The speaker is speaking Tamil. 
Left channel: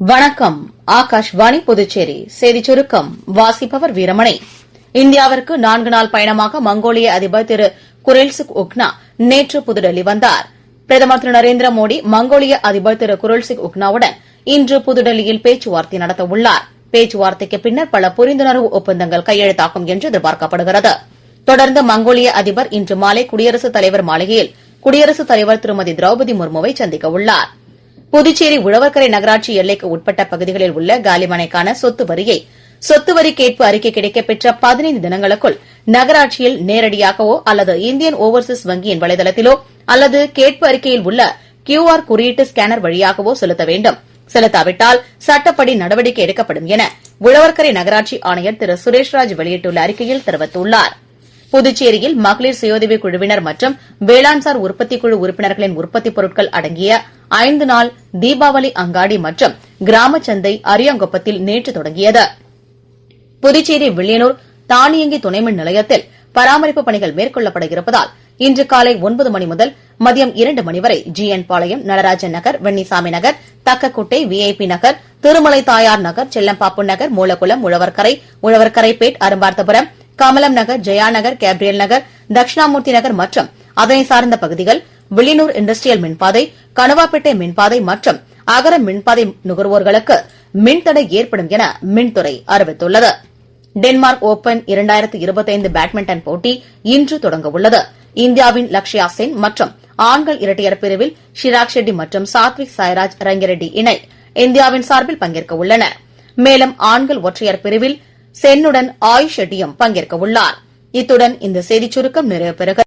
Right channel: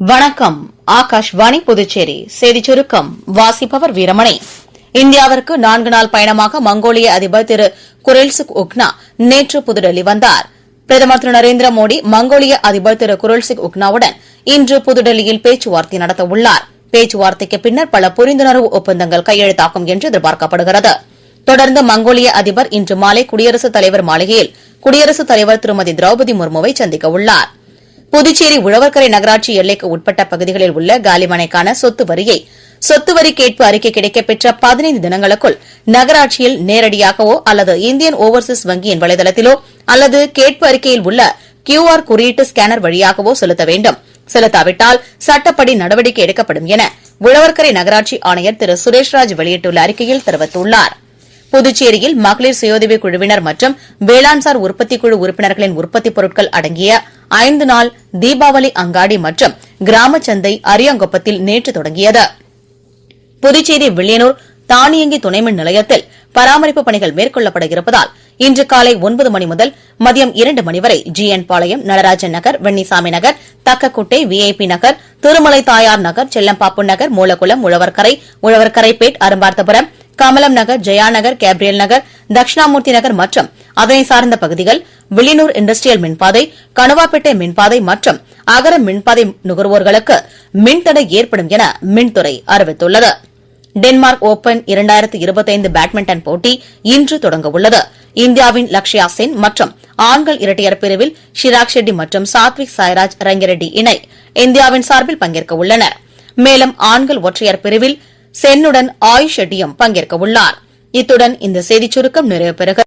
வணக்கம். ஆகாஷ்வாணி புதுச்சேரி செய்திச் சுருக்கம் வாசிப்பவர் வீரமணி. இந்தியாவிற்கு 4 நாள் பயணமாக மங்கோலிய அதிபர் திரு குரெல்சுக் உக்னா நேற்று புதுடெல்லி வந்தார். பிரதமர் திரு நரேந்திர மோடி மங்கோலிய அதிபர் திரு குரெல்சுக் உக்னாவுடன் இன்று புதுடெல்லியில் பேச்சுவார்த்தை நடத்தவுள்ளார். பேச்சுவார்த்தைக்கு பின்னர் பல புரிந்துணர்வு ஒப்பந்தங்கள் கையெழுத்தாகும் என்று எதிர்பார்க்கப்படுகிறது. தொடர்ந்து மங்கோலிய அதிபர் இன்று மாலை குடியரசுத் தலைவர் மாளிகையில் குடியரசுத் தலைவர் திருமதி திரௌபதி முர்முவை சந்திக்க உள்ளார். புதுச்சேரி உழவர்கரை நகராட்சி எல்லைக்கு உட்பட்ட பகுதிகளில் உள்ள காலிமனைக்கான சொத்து வரி கேட்பு அறிக்கை கிடைக்கப்பெற்ற 15 தினங்களுக்குள் நகராட்சியில் நேரடியாகவோ அல்லது இந்தியன் ஓவர்சீஸ் வங்கியின் வலைதளத்திலோ அல்லது கேட்பு அறிக்கையில் உள்ள QR குறியீட்டு ஸ்கேனர் வழியாகவோ செலுத்த வேண்டும். செலுத்தாவிட்டால் சட்டப்படி நடவடிக்கை எடுக்கப்படும் என உழவர்கரை நகராட்சி ஆணையர் திரு சுரேஷ்ராஜ் வெளியிட்டுள்ள அறிக்கையில் தெரிவித்துள்ளார். புதுச்சேரியில் மகளிர் சுயோதவி குழுவினர் மற்றும் வேளாண்சார் உற்பத்தி குழு உறுப்பினர்களின் உற்பத்தி பொருட்கள் அடங்கிய 5 நாள் தீபாவளி அங்காடி மற்றும் கிராம சந்தை அரியாங்குப்பத்தில் நேற்று தொடங்கியது. புதுச்சேரி வில்லியனூர் தானியங்கி துணைமின் நிலையத்தில் பராமரிப்பு பணிகள் மேற்கொள்ளப்பட இருப்பதால் இன்று காலை 9 மணி முதல் மதியம் 2 மணி வரை GN பாளையம், நடராஜன் நகர், வெண்ணிசாமி நகர், தக்கக்குட்டை, VIP நகர், திருமலை தாயார் நகர், செல்லம்பாப்பு நகர், மூலக்குளம், உழவர்கரைப்பேட், அரும்பார்த்தபுரம், கமலம் நகர், ஜெயா நகர், கேப்ரியல் நகர், தட்சிணாமூர்த்தி நகர் மற்றும் அதனை சார்ந்த பகுதிகள், வில்லியனூர் இண்டஸ்ட்ரியல் மின்பாதை, கணுவாப்பேட்டை மின்பாதை மற்றும் அகர மின்பாதை நுகர்வோர்களுக்கு மின்தடை ஏற்படும் என மின்துறை அறிவித்துள்ளது. டென்மார்க் ஓபன் 2025 பேட்மிண்டன் போட்டி இன்று தொடங்க உள்ளது. இந்தியாவின் லக்ஷயா சென் மற்றும் ஆண்கள் இரட்டையர் பிரிவில் ஷிராக் ஷெட்டி மற்றும் சாத்விக் சாய்ராஜ் ரங்கிரெட்டி இணை இந்தியாவின் சார்பில் பங்கேற்க உள்ளனர். மேலும் ஆண்கள் ஒற்றையர் பிரிவில் சென்னுடன் ஆயுஷ் ஷெட்டியும் பங்கேற்க உள்ளார். இத்துடன் இந்த செய்திச் சுருக்கம் நிறைவு பெறுகிறது.